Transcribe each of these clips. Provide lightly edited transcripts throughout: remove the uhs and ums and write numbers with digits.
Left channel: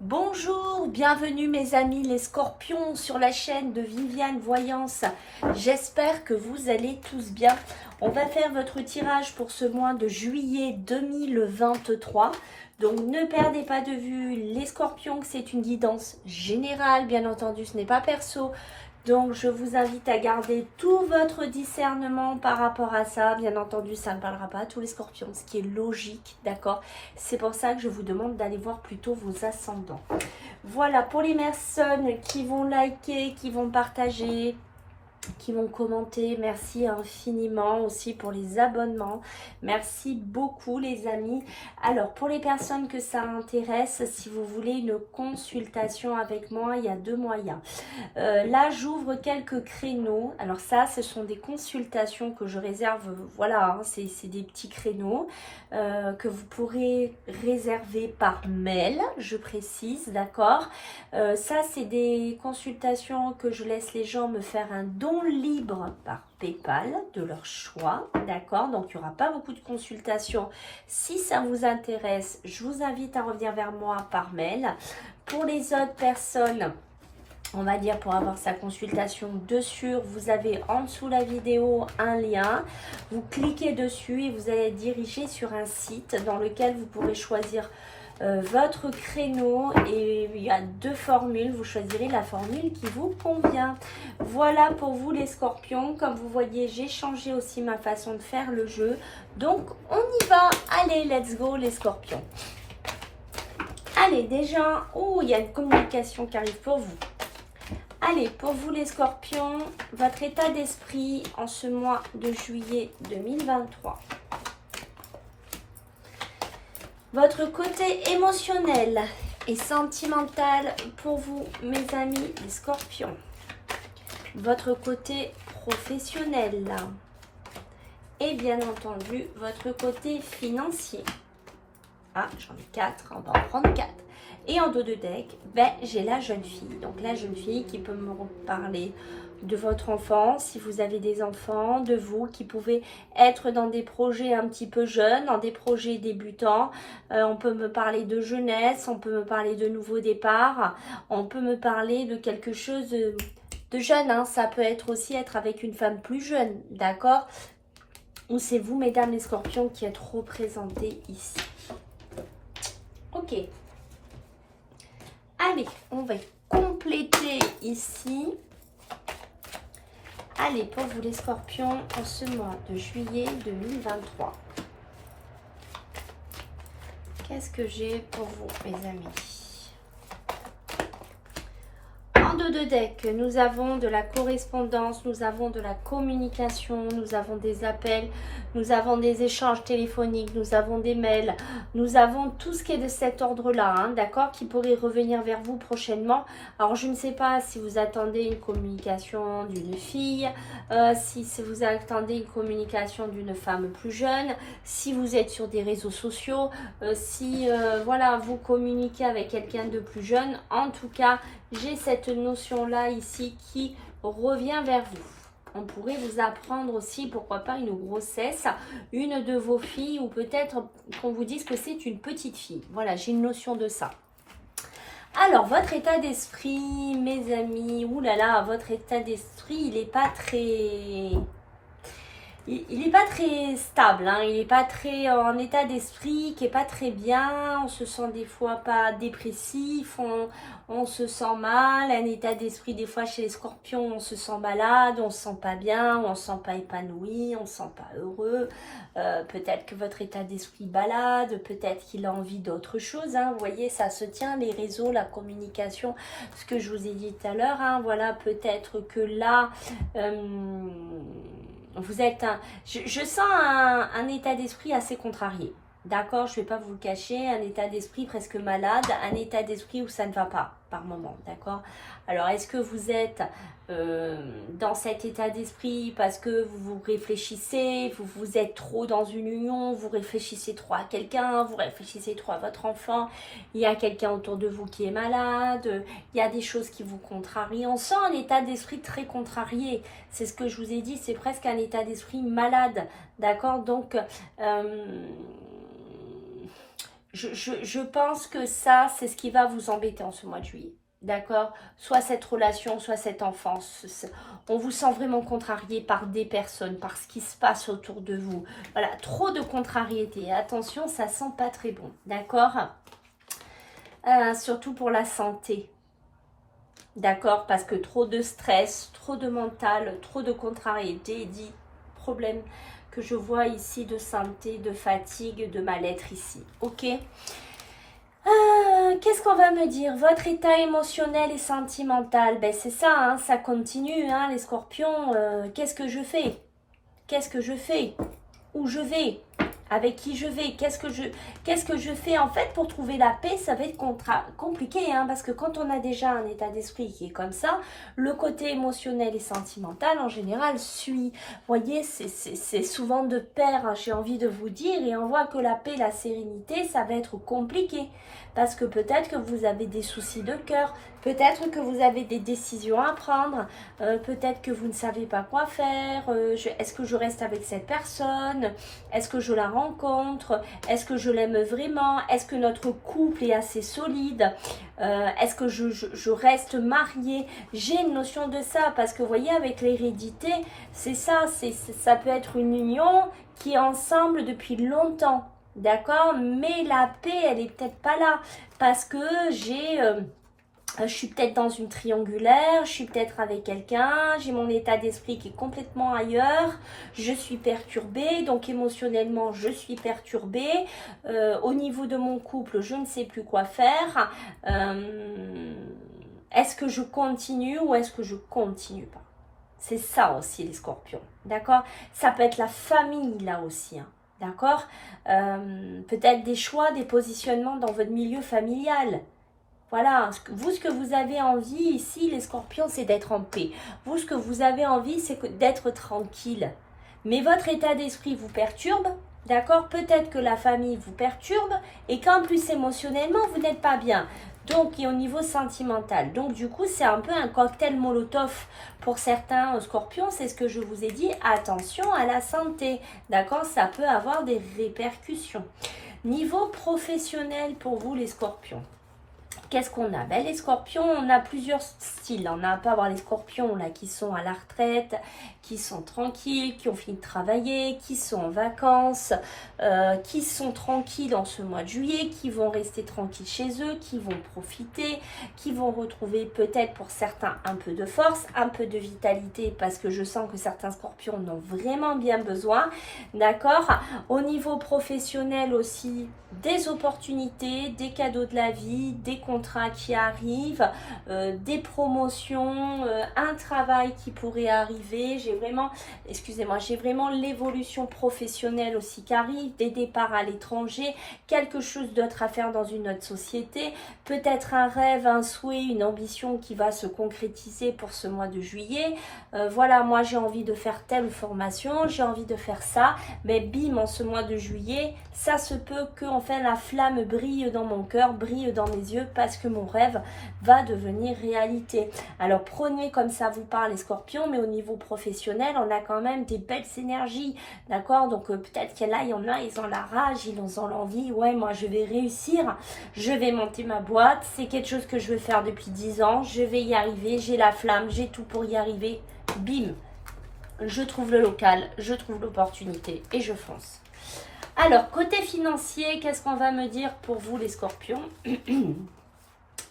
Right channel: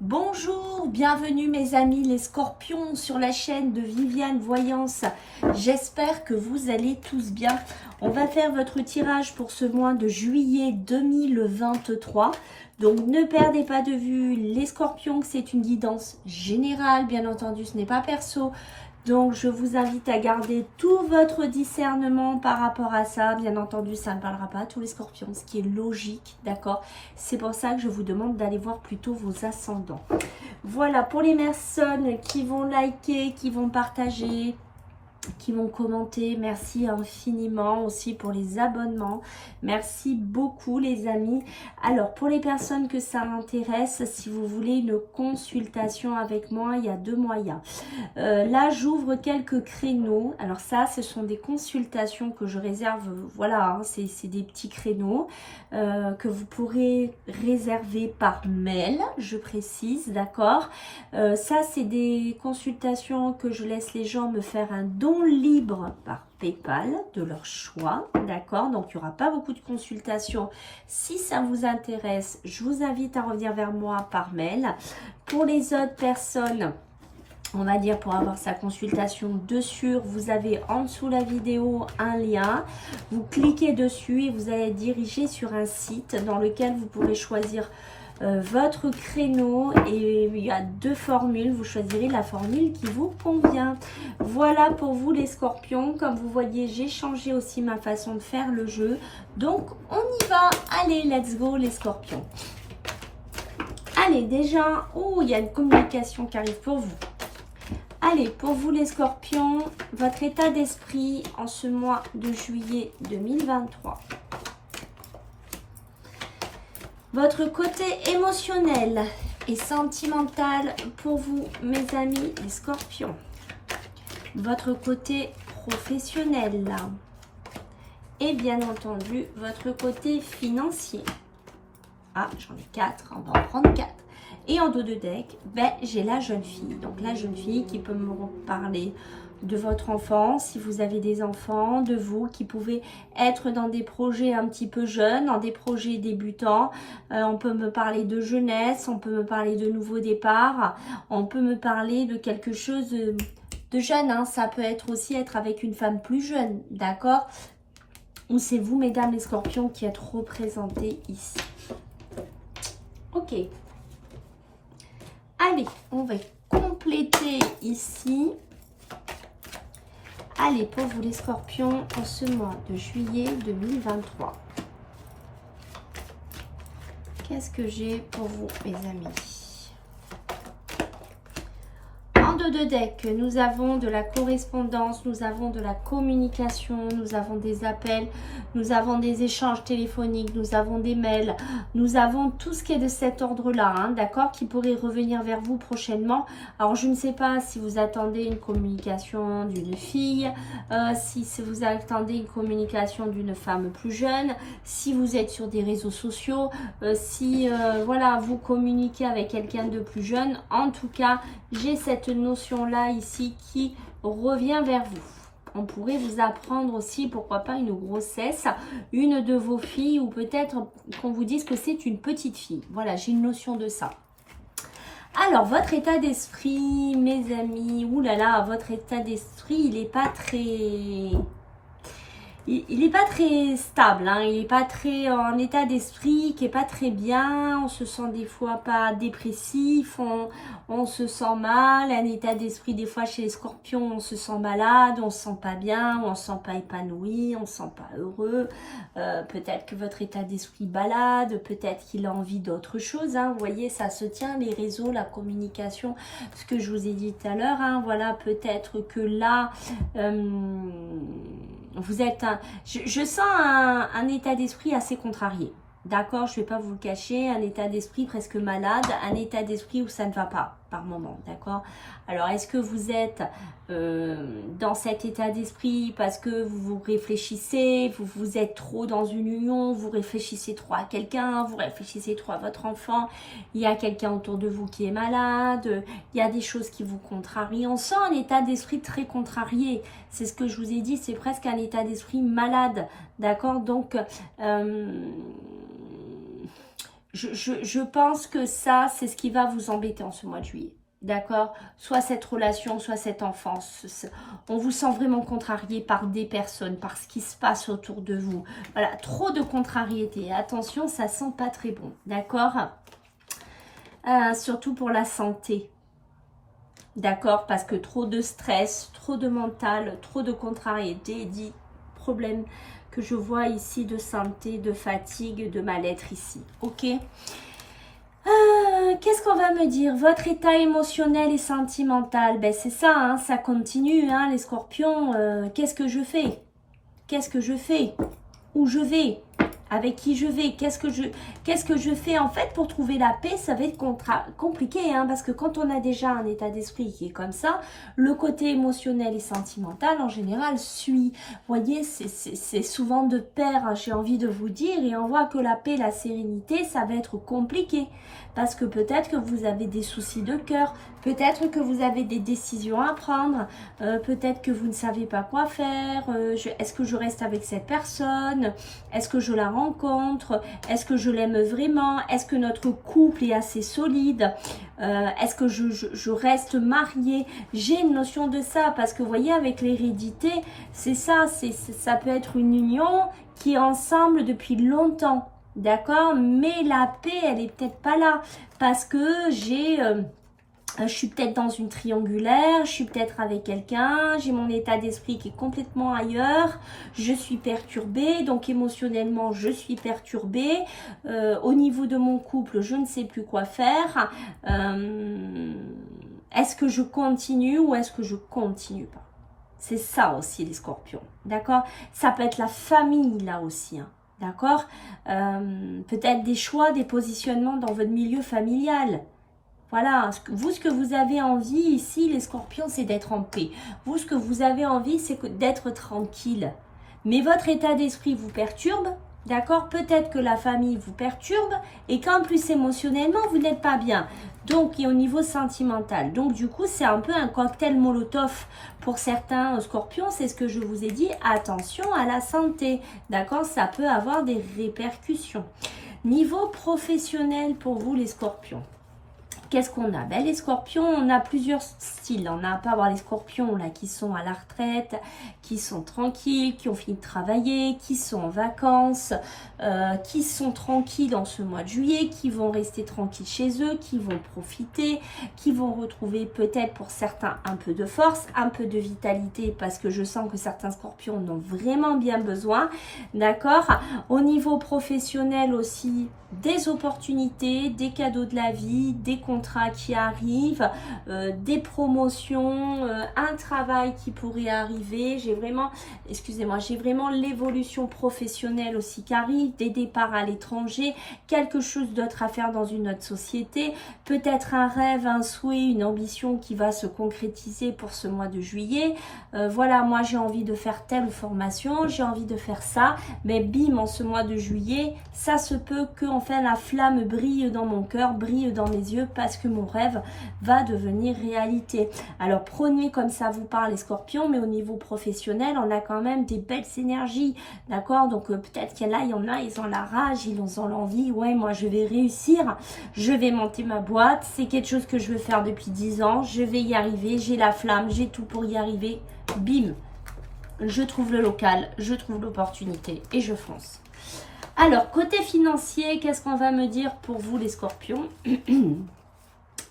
Bonjour, bienvenue mes amis les scorpions sur la chaîne de Viviane Voyance. J'espère que vous allez tous bien. On va faire votre tirage pour ce mois de juillet 2023. Donc ne perdez pas de vue les scorpions, c'est une guidance générale, bien entendu, ce n'est pas perso. Donc je vous invite à garder tout votre discernement par rapport à ça. Bien entendu, ça ne parlera pas à tous les scorpions, ce qui est logique, d'accord? C'est pour ça que je vous demande d'aller voir plutôt vos ascendants. Voilà, pour les personnes qui vont liker, qui vont partager, qui vont commenter, merci infiniment aussi pour les abonnements, merci beaucoup les amis. Alors pour les personnes que ça intéresse, si vous voulez une consultation avec moi, il y a deux moyens. Là j'ouvre quelques créneaux, alors ça ce sont des consultations que je réserve, voilà, hein, c'est des petits créneaux que vous pourrez réserver par mail, je précise, d'accord. Ça c'est des consultations que je laisse les gens me faire un don libre par PayPal de leur choix, d'accord. Donc il n'y aura pas beaucoup de consultations. Si ça vous intéresse, je vous invite à revenir vers moi par mail. Pour les autres personnes, on va dire pour avoir sa consultation dessus, vous avez en dessous la vidéo un lien. Vous cliquez dessus et vous allez être dirigé sur un site dans lequel vous pourrez choisir votre créneau et il y a deux formules. Vous choisirez la formule qui vous convient. Voilà pour vous les scorpions. Comme vous voyez, j'ai changé aussi ma façon de faire le jeu. Donc on y va. Allez, let's go les scorpions. Allez, déjà, il y a une communication qui arrive pour vous. Allez, pour vous les scorpions, votre état d'esprit en ce mois de juillet 2023. Votre côté émotionnel et sentimental pour vous, mes amis les scorpions. Votre côté professionnel. Et bien entendu, votre côté financier. Ah, j'en ai 4, on va en prendre 4. Et en dos de deck, j'ai la jeune fille. Donc la jeune fille qui peut me parler de votre enfant, si vous avez des enfants, de vous qui pouvez être dans des projets un petit peu jeunes, dans des projets débutants. On peut me parler de jeunesse, on peut me parler de nouveaux départs, on peut me parler de quelque chose de jeune. Hein. Ça peut être aussi être avec une femme plus jeune, d'accord? Ou c'est vous, mesdames les scorpions, qui êtes représentés ici. Ok. Allez, on va compléter ici. Allez, pour vous les scorpions, en ce mois de juillet 2023. Qu'est-ce que j'ai pour vous, mes amis? En dos de deck, nous avons de la correspondance, nous avons de la communication, nous avons des appels, nous avons des échanges téléphoniques, nous avons des mails, nous avons tout ce qui est de cet ordre-là, hein, d'accord, qui pourrait revenir vers vous prochainement. Alors, je ne sais pas si vous attendez une communication d'une fille, si vous attendez une communication d'une femme plus jeune, si vous êtes sur des réseaux sociaux, si, voilà, vous communiquez avec quelqu'un de plus jeune. En tout cas, j'ai cette notion-là ici qui revient vers vous. On pourrait vous apprendre aussi, pourquoi pas, une grossesse, une de vos filles, ou peut-être qu'on vous dise que c'est une petite fille. Voilà, j'ai une notion de ça. Alors, votre état d'esprit, mes amis, oulala, votre état d'esprit, il n'est pas très... Il n'est pas très stable, hein, il n'est pas très en état d'esprit, qui n'est pas très bien, on se sent des fois pas dépressif, on se sent mal, un état d'esprit des fois chez les scorpions, on se sent malade, on se sent pas bien, on se sent pas épanoui, on se sent pas heureux, peut-être que votre état d'esprit balade, peut-être qu'il a envie d'autre chose, hein, vous voyez, ça se tient, les réseaux, la communication, ce que je vous ai dit tout à l'heure, hein, voilà, peut-être que là... vous êtes je sens un état d'esprit assez contrarié. D'accord, je ne vais pas vous le cacher, un état d'esprit presque malade, un état d'esprit où ça ne va pas par moment, d'accord. Alors, est-ce que vous êtes dans cet état d'esprit parce que vous réfléchissez, vous êtes trop dans une union, vous réfléchissez trop à quelqu'un, vous réfléchissez trop à votre enfant, il y a quelqu'un autour de vous qui est malade, il y a des choses qui vous contrarient. On sent un état d'esprit très contrarié, c'est ce que je vous ai dit, c'est presque un état d'esprit malade, d'accord. Donc, Je pense que ça, c'est ce qui va vous embêter en ce mois de juillet. D'accord? Soit cette relation, soit cette enfance. On vous sent vraiment contrarié par des personnes, par ce qui se passe autour de vous. Voilà, trop de contrariété. Attention, ça sent pas très bon. D'accord? Surtout pour la santé. D'accord? Parce que trop de stress, trop de mental, trop de contrariété, dit problème que je vois ici de santé, de fatigue, de mal-être ici. Ok? Qu'est-ce qu'on va me dire? Votre état émotionnel et sentimental, ben c'est ça, hein, ça continue, hein, les scorpions. Qu'est-ce que je fais? Qu'est-ce que je fais? Où je vais? Avec qui je vais? Qu'est-ce que je fais? En fait, pour trouver la paix, ça va être compliqué, hein, parce que quand on a déjà un état d'esprit qui est comme ça, le côté émotionnel et sentimental, en général, suit. Vous voyez, c'est souvent de pair, hein, j'ai envie de vous dire, et on voit que la paix, la sérénité, ça va être compliqué. Parce que peut-être que vous avez des soucis de cœur, peut-être que vous avez des décisions à prendre, peut-être que vous ne savez pas quoi faire, est-ce que je reste avec cette personne, est-ce que je la rencontre, est-ce que je l'aime vraiment, est-ce que notre couple est assez solide, est-ce que je reste mariée. J'ai une notion de ça parce que vous voyez avec l'hérédité, c'est ça, ça peut être une union qui est ensemble depuis longtemps. D'accord, mais la paix, elle est peut-être pas là parce que je suis peut-être dans une triangulaire, je suis peut-être avec quelqu'un, j'ai mon état d'esprit qui est complètement ailleurs, je suis perturbée, donc émotionnellement je suis perturbée, au niveau de mon couple je ne sais plus quoi faire, est-ce que je continue ou est-ce que je continue pas? C'est ça aussi les scorpions, d'accord? Ça peut être la famille là aussi, hein. D'accord? Peut-être des choix, des positionnements dans votre milieu familial. Voilà, ce que vous avez envie ici, les scorpions, c'est d'être en paix. Vous, ce que vous avez envie, c'est d'être tranquille. Mais votre état d'esprit vous perturbe, d'accord? Peut-être que la famille vous perturbe et qu'en plus émotionnellement, vous n'êtes pas bien. Donc, et au niveau sentimental. Donc, du coup, c'est un peu un cocktail Molotov pour certains scorpions. C'est ce que je vous ai dit. Attention à la santé, d'accord? Ça peut avoir des répercussions. Niveau professionnel pour vous, les scorpions. Qu'est-ce qu'on a? Ben, les scorpions, on a plusieurs styles. On peut avoir les scorpions là, qui sont à la retraite, qui sont tranquilles, qui ont fini de travailler, qui sont en vacances, qui sont tranquilles dans ce mois de juillet, qui vont rester tranquilles chez eux, qui vont profiter, qui vont retrouver peut-être pour certains un peu de force, un peu de vitalité, parce que je sens que certains scorpions en ont vraiment bien besoin. D'accord? Au niveau professionnel aussi, des opportunités, des cadeaux de la vie, des contrats qui arrivent, des promotions, un travail qui pourrait arriver. J'ai vraiment, excusez-moi, j'ai vraiment l'évolution professionnelle aussi qui arrive, des départs à l'étranger, quelque chose d'autre à faire dans une autre société, peut-être un rêve, un souhait, une ambition qui va se concrétiser pour ce mois de juillet. Voilà, moi j'ai envie de faire telle formation, j'ai envie de faire ça, mais bim, en ce mois de juillet, ça se peut que enfin la flamme brille dans mon cœur, brille dans mes yeux parce que mon rêve va devenir réalité. Alors prenez comme ça vous parle les scorpions, mais au niveau professionnel, on a quand même des belles énergies, d'accord? Donc peut-être qu'il y en a, ils ont la rage, ils ont l'envie, ouais, moi je vais réussir, je vais monter ma boîte, c'est quelque chose que je veux faire depuis 10 ans, je vais y arriver, j'ai la flamme, j'ai tout pour y arriver, bim, je trouve le local, je trouve l'opportunité et je fonce. Alors, côté financier, qu'est-ce qu'on va me dire pour vous les scorpions?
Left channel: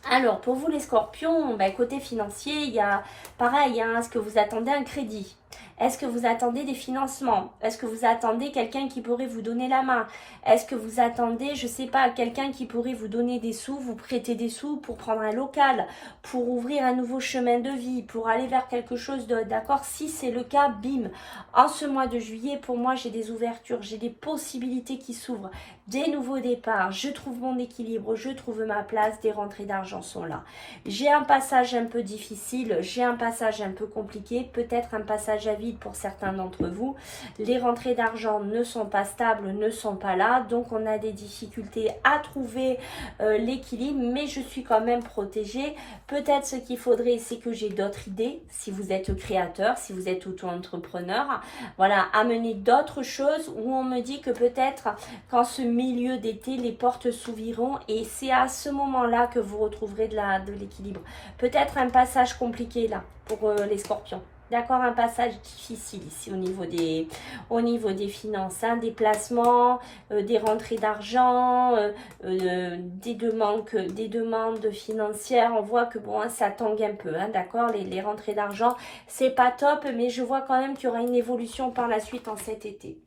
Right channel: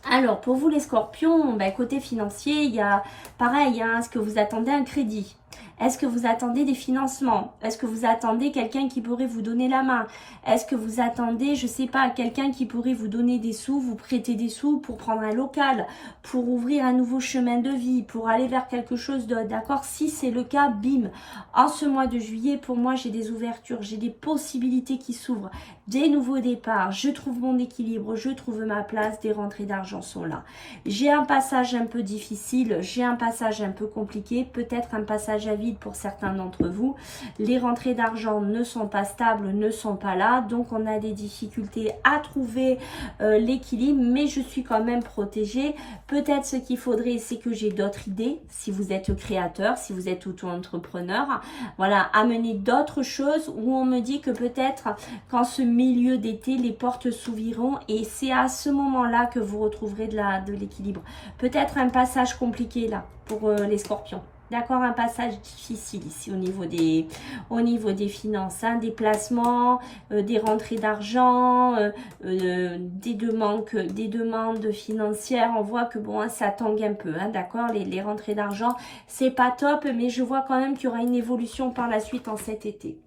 Alors, pour vous les scorpions, ben, côté financier, il y a pareil, hein, est-ce que vous attendez un crédit? Est-ce que vous attendez des financements? Est-ce que vous attendez quelqu'un qui pourrait vous donner la main? Est-ce que vous attendez, je ne sais pas, quelqu'un qui pourrait vous donner des sous, vous prêter des sous pour prendre un local, pour ouvrir un nouveau chemin de vie, pour aller vers quelque chose d'autre, d'accord? Si c'est le cas, bim. En ce mois de juillet, pour moi, j'ai des ouvertures, j'ai des possibilités qui s'ouvrent, des nouveaux départs, je trouve mon équilibre, je trouve ma place, des rentrées d'argent sont là. J'ai un passage un peu difficile, j'ai un passage un peu compliqué, peut-être un passage à vide pour certains d'entre vous. Les rentrées d'argent ne sont pas stables, ne sont pas là. Donc, on a des difficultés à trouver l'équilibre, mais je suis quand même protégée. Peut-être ce qu'il faudrait, c'est que j'ai d'autres idées. Si vous êtes créateur, si vous êtes auto-entrepreneur, voilà, amener d'autres choses où on me dit que peut-être qu'en ce milieu d'été, les portes s'ouvriront et c'est à ce moment-là que vous retrouverez de l'équilibre. Peut-être un passage compliqué là pour les scorpions. D'accord, un passage difficile ici au niveau des finances, hein, des placements, des rentrées d'argent, des demandes financières. On voit que bon, hein, ça tangue un peu, hein, d'accord, les rentrées d'argent, c'est pas top, mais je vois quand même qu'il y aura une évolution par la suite en cet été.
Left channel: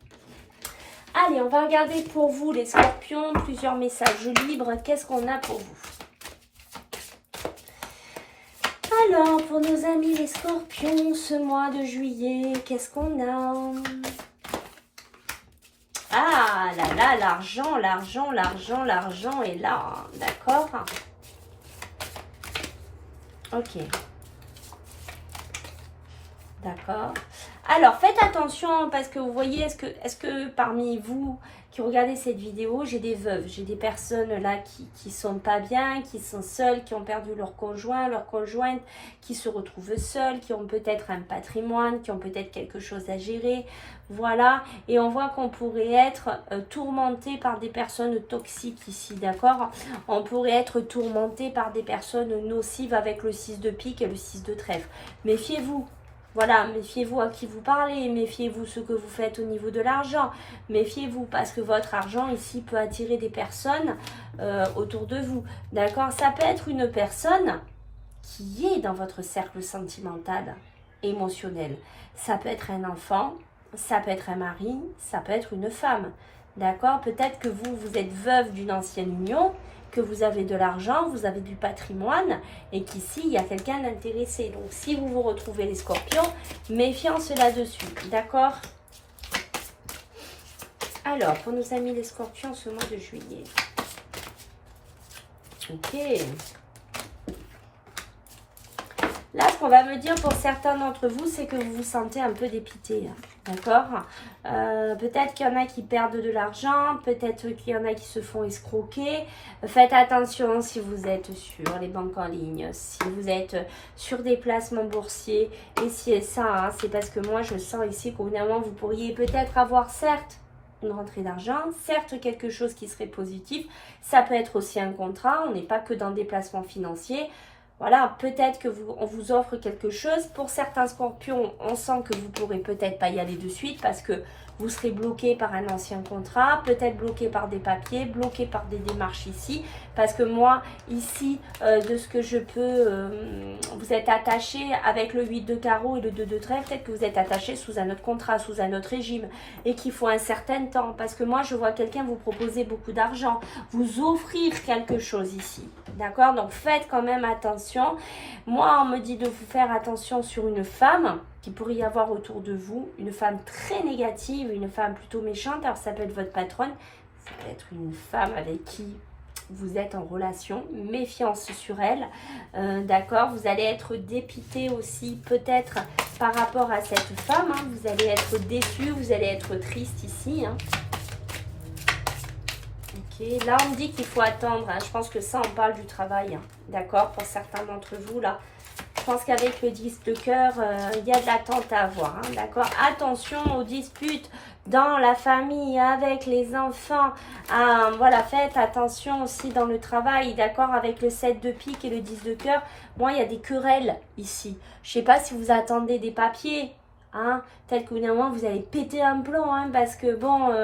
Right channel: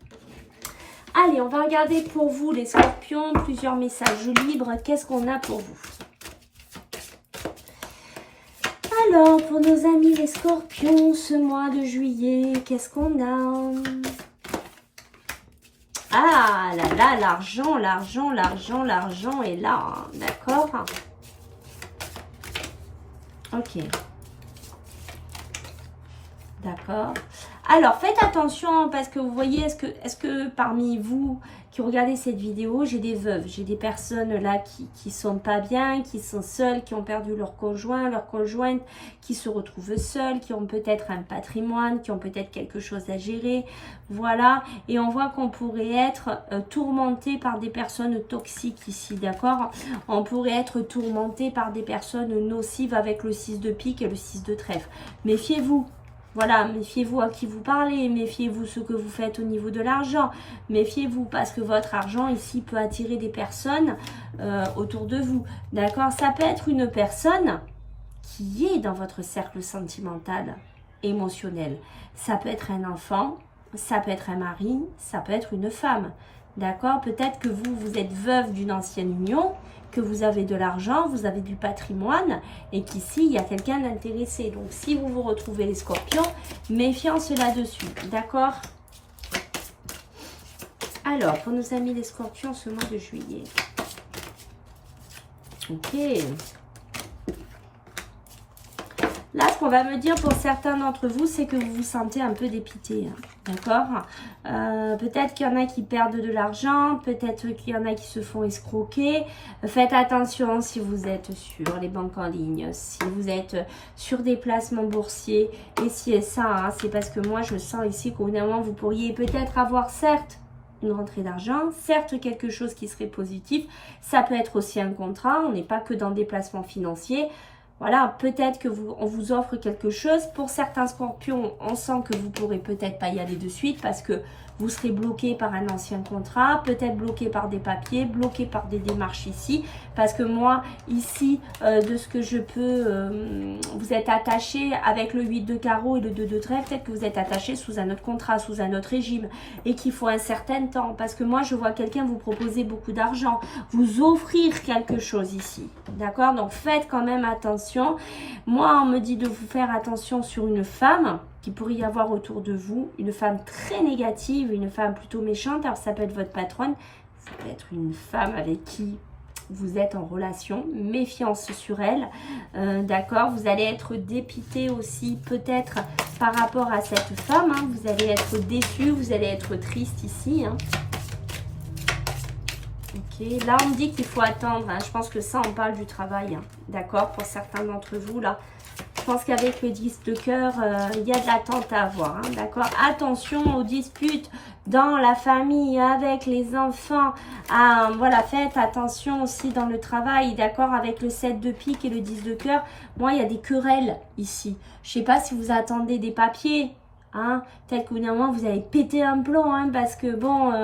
Allez, on va regarder pour vous les scorpions, plusieurs messages libres. Qu'est-ce qu'on a pour vous? Alors, pour nos amis les scorpions, ce mois de juillet, qu'est-ce qu'on a? Ah là là, l'argent, l'argent, l'argent, l'argent est là, d'accord? Ok. D'accord. Alors, faites attention parce que vous voyez, est-ce que parmi vous qui regardez cette vidéo, j'ai des veuves, j'ai des personnes là qui sont pas bien, qui sont seules, qui ont perdu leur conjoint, leur conjointe, qui se retrouvent seules, qui ont peut-être un patrimoine, qui ont peut-être quelque chose à gérer, voilà. Et on voit qu'on pourrait être tourmenté par des personnes toxiques ici, d'accord? On pourrait être tourmenté par des personnes nocives avec le 6 de pique et le 6 de trèfle. Méfiez-vous. Voilà, méfiez-vous à qui vous parlez, méfiez-vous ce que vous faites au niveau de l'argent, méfiez-vous parce que votre argent ici peut attirer des personnes autour de vous, d'accord? Ça peut être une personne qui est dans votre cercle sentimental, émotionnel. Ça peut être un enfant, ça peut être un mari, ça peut être une femme, d'accord? Peut-être que vous êtes veuve d'une ancienne union, que vous avez de l'argent, vous avez du patrimoine et qu'ici, il y a quelqu'un d'intéressé. Donc, si vous vous retrouvez les scorpions, méfiance là-dessus, d'accord? Alors, pour nos amis les scorpions, ce mois de juillet. Ok. Là, ce qu'on va me dire pour certains d'entre vous, c'est que vous vous sentez un peu dépité, d'accord? Peut-être qu'il y en a qui perdent de l'argent, peut-être qu'il y en a qui se font escroquer. Faites attention si vous êtes sur les banques en ligne, si vous êtes sur des placements boursiers. Et si ça, hein, c'est parce que moi, je sens ici qu'au bout d'un moment, vous pourriez peut-être avoir, certes, une rentrée d'argent, certes quelque chose qui serait positif. Ça peut être aussi un contrat, on n'est pas que dans des placements financiers. Voilà, peut-être que on vous offre quelque chose. Pour certains scorpions, on sent que vous pourrez peut-être pas y aller de suite parce que vous serez bloqué par un ancien contrat, peut-être bloqué par des papiers, bloqué par des démarches ici. Parce que moi, ici, de ce que je peux, vous êtes attaché avec le 8 de carreau et le 2 de trèfle. Peut-être que vous êtes attaché sous un autre contrat, sous un autre régime et qu'il faut un certain temps. Parce que moi, je vois quelqu'un vous proposer beaucoup d'argent, vous offrir quelque chose ici. D'accord? Donc, faites quand même attention. Moi, on me dit de vous faire attention sur une femme qui pourrait y avoir autour de vous, une femme très négative, une femme plutôt méchante. Alors, ça peut être votre patronne, ça peut être une femme avec qui vous êtes en relation, méfiance sur elle, d'accord? Vous allez être dépité aussi peut-être par rapport à cette femme, hein. Vous allez être déçu, vous allez être triste ici, hein. Ok, là on me dit qu'il faut attendre, hein. Je pense que ça on parle du travail, hein. D'accord? Pour certains d'entre vous là, je pense qu'avec le 10 de cœur, il y a de l'attente à avoir, hein. D'accord? Attention aux disputes dans la famille, avec les enfants. Voilà, faites attention aussi dans le travail, d'accord, avec le 7 de pique et le 10 de cœur. Moi, il y a des querelles ici. Je ne sais pas si vous attendez des papiers, hein, tel qu'au bout d'un moment, vous allez péter un plomb, hein, parce que bon,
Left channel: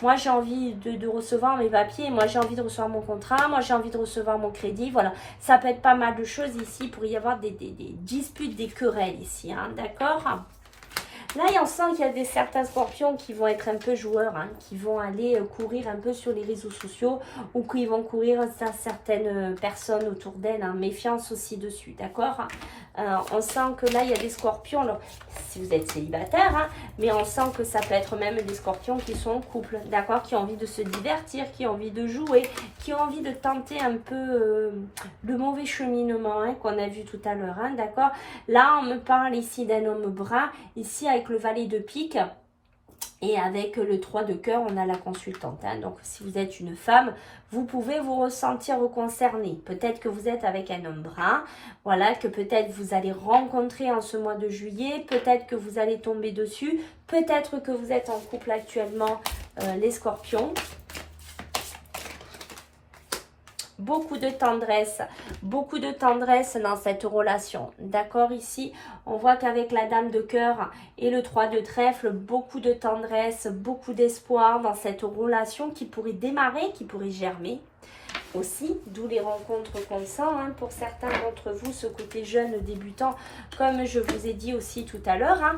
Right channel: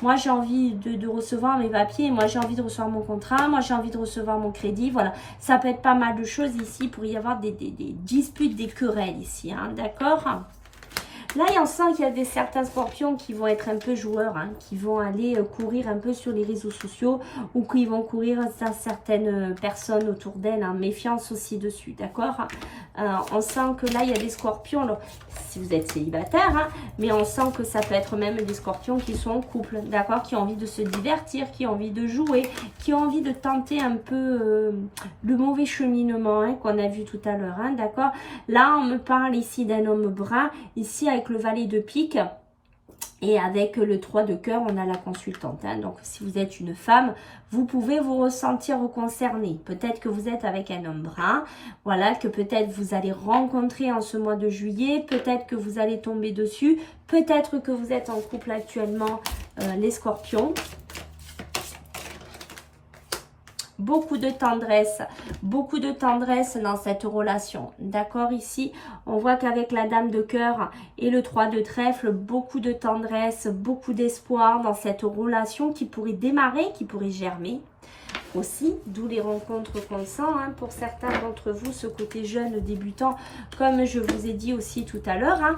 moi, j'ai envie de recevoir mes papiers, moi, j'ai envie de recevoir mon contrat, moi, j'ai envie de recevoir mon crédit, voilà. Ça peut être pas mal de choses ici, pour y avoir des disputes, des querelles ici, hein, d'accord? Là, on sent qu'il y a certains scorpions qui vont être un peu joueurs, hein, qui vont aller courir un peu sur les réseaux sociaux ou qui vont courir à certaines personnes autour d'elles, hein. Méfiance aussi dessus, d'accord? On sent que là, il y a des scorpions. Alors, si vous êtes célibataire, hein, mais on sent que ça peut être même des scorpions qui sont en couple, d'accord, qui ont envie de se divertir, qui ont envie de jouer, qui ont envie de tenter un peu le mauvais cheminement hein, qu'on a vu tout à l'heure, hein, d'accord. Là, on me parle ici d'un homme brun, ici avec le valet de pique. Et avec le 3 de cœur, on a la consultante. Hein. Donc, si vous êtes une femme, vous pouvez vous ressentir concerné. Peut-être que vous êtes avec un homme brun. Voilà, que peut-être vous allez rencontrer en ce mois de juillet. Peut-être que vous allez tomber dessus. Peut-être que vous êtes en couple actuellement, les scorpions. Beaucoup de tendresse dans cette relation. D'accord, ici, on voit qu'avec la dame de cœur et le 3 de trèfle, beaucoup de tendresse, beaucoup d'espoir dans cette relation qui pourrait démarrer, qui pourrait germer aussi, d'où les rencontres qu'on sent hein, pour certains d'entre vous, ce côté jeune débutant, comme je vous ai dit aussi tout à l'heure. Hein,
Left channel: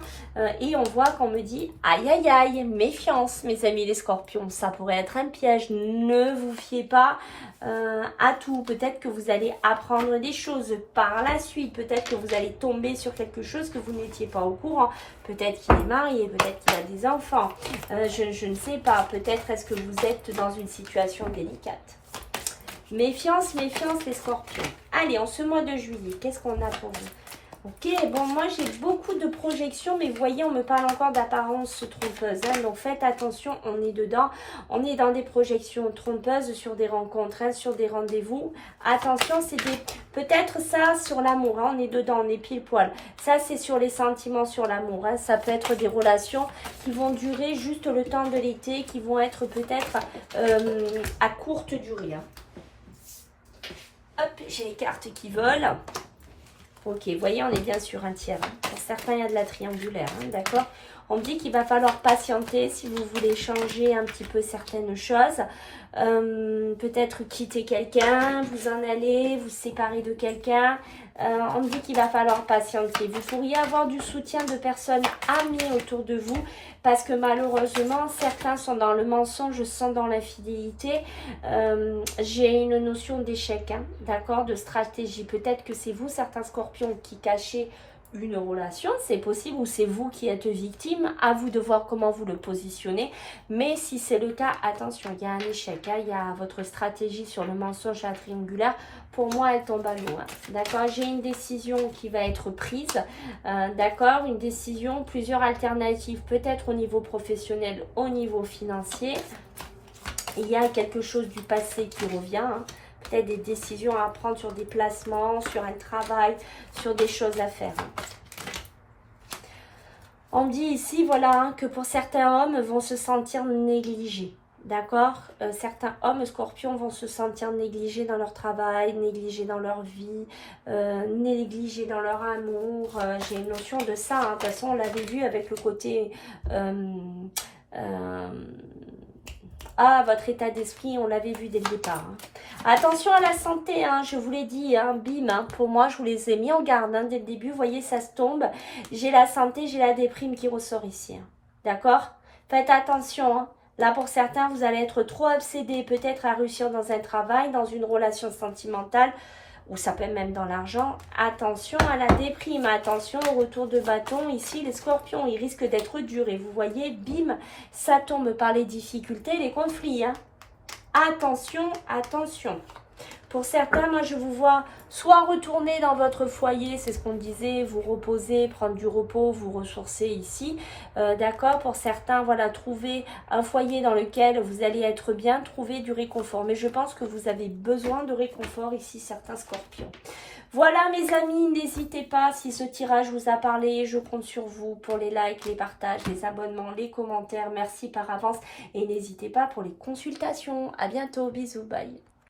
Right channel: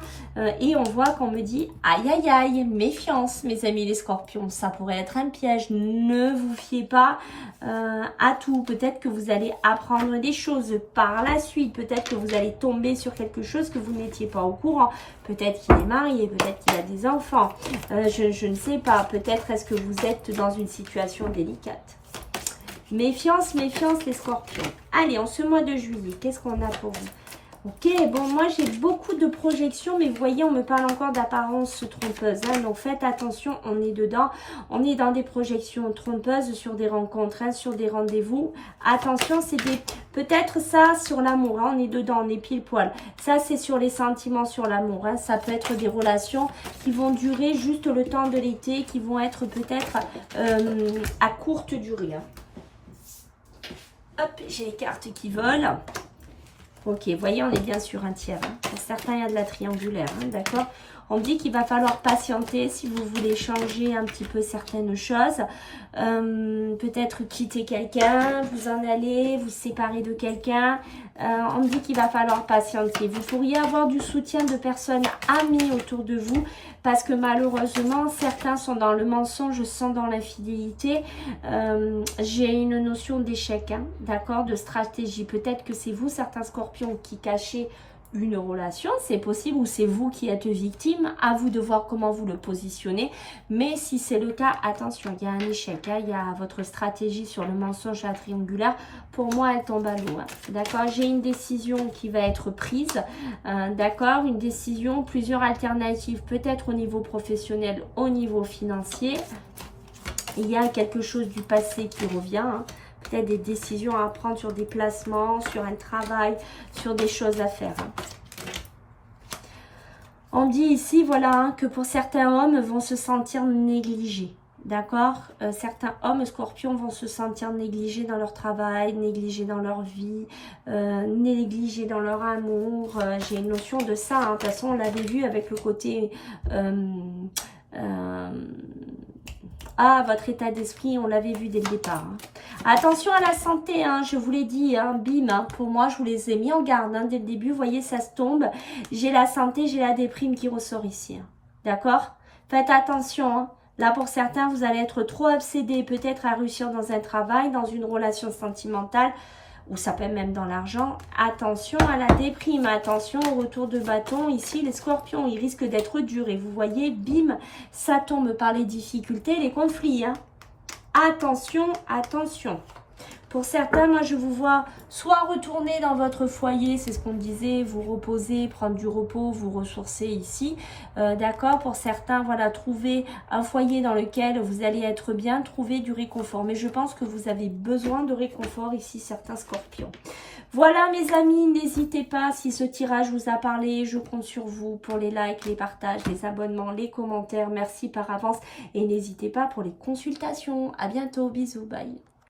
et on voit qu'on me dit, aïe aïe aïe, méfiance mes amis les scorpions, ça pourrait être un piège, ne vous fiez pas à tout. Peut-être que vous allez apprendre des choses par la suite, peut-être que vous allez tomber sur quelque chose que vous n'étiez pas au courant, peut-être qu'il est marié, peut-être qu'il a des enfants, je ne sais pas, peut-être est-ce que vous êtes dans une situation délicate. Méfiance, méfiance les scorpions. Allez, en ce mois de juillet, qu'est-ce qu'on a pour vous? Ok, bon, moi j'ai beaucoup de projections, mais vous voyez, on me parle encore d'apparence trompeuse. Hein, donc faites attention, on est dedans. On est dans des projections trompeuses sur des rencontres, hein, sur des rendez-vous. Attention, c'est peut-être ça sur l'amour. Hein, on est dedans, on est pile poil. Ça, c'est sur les sentiments, sur l'amour. Hein, ça peut être des relations qui vont durer juste le temps de l'été, qui vont être peut-être à courte durée. Hein. Hop, j'ai les cartes qui volent. Ok, vous voyez, on est bien sur un tiers. Hein. Pour certains, il y a de la triangulaire, hein, d'accord. On me dit qu'il va falloir patienter si vous voulez changer un petit peu certaines choses. Peut-être quitter quelqu'un, vous en aller, vous séparer de quelqu'un. On me dit qu'il va falloir patienter. Vous pourriez avoir du soutien de personnes amies autour de vous parce que malheureusement, certains sont dans le mensonge, sont dans l'infidélité. J'ai une notion d'échec, hein, d'accord, de stratégie. Peut-être que c'est vous, certains scorpions, qui cachez une relation, c'est possible, ou c'est vous qui êtes victime, à vous de voir comment vous le positionnez, mais si c'est le cas, attention, il y a un échec, hein, il y a votre stratégie sur le mensonge à triangulaire, pour moi elle tombe à l'eau, hein, d'accord, j'ai une décision qui va être prise, d'accord, une décision, plusieurs alternatives, peut-être au niveau professionnel, au niveau financier, il y a quelque chose du passé qui revient, hein. Peut-être des décisions à prendre sur des placements, sur un travail, sur des choses à faire. On dit ici, voilà, hein, que pour certains hommes vont se sentir négligés. D'accord, certains hommes scorpions vont se sentir négligés dans leur travail, négligés dans leur vie, négligés dans leur amour. J'ai une notion de ça. Hein. De toute façon, on l'avait vu avec le côté... votre état d'esprit, on l'avait vu dès le départ. Hein. Attention à la santé, hein, je vous l'ai dit, hein, bim, hein, pour moi, je vous les ai mis en garde hein, dès le début. Vous voyez, ça se tombe. J'ai la santé, j'ai la déprime qui ressort ici. Hein. D'accord? Faites attention. Hein. Là, pour certains, vous allez être trop obsédés peut-être à réussir dans un travail, dans une relation sentimentale, ou ça peut même dans l'argent. Attention à la déprime, attention au retour de bâton. Ici, les scorpions, ils risquent d'être durs. Et vous voyez, bim, ça tombe par les difficultés, les conflits. Hein. Attention, attention. Pour certains, moi, je vous vois soit retourner dans votre foyer, c'est ce qu'on disait, vous reposer, prendre du repos, vous ressourcer ici. D'accord? Pour certains, voilà, trouver un foyer dans lequel vous allez être bien, trouver du réconfort. Mais je pense que vous avez besoin de réconfort ici, certains scorpions. Voilà, mes amis, n'hésitez pas, si ce tirage vous a parlé, je compte sur vous pour les likes, les partages, les abonnements, les commentaires. Merci par avance et n'hésitez pas pour les consultations. À bientôt, bisous, bye.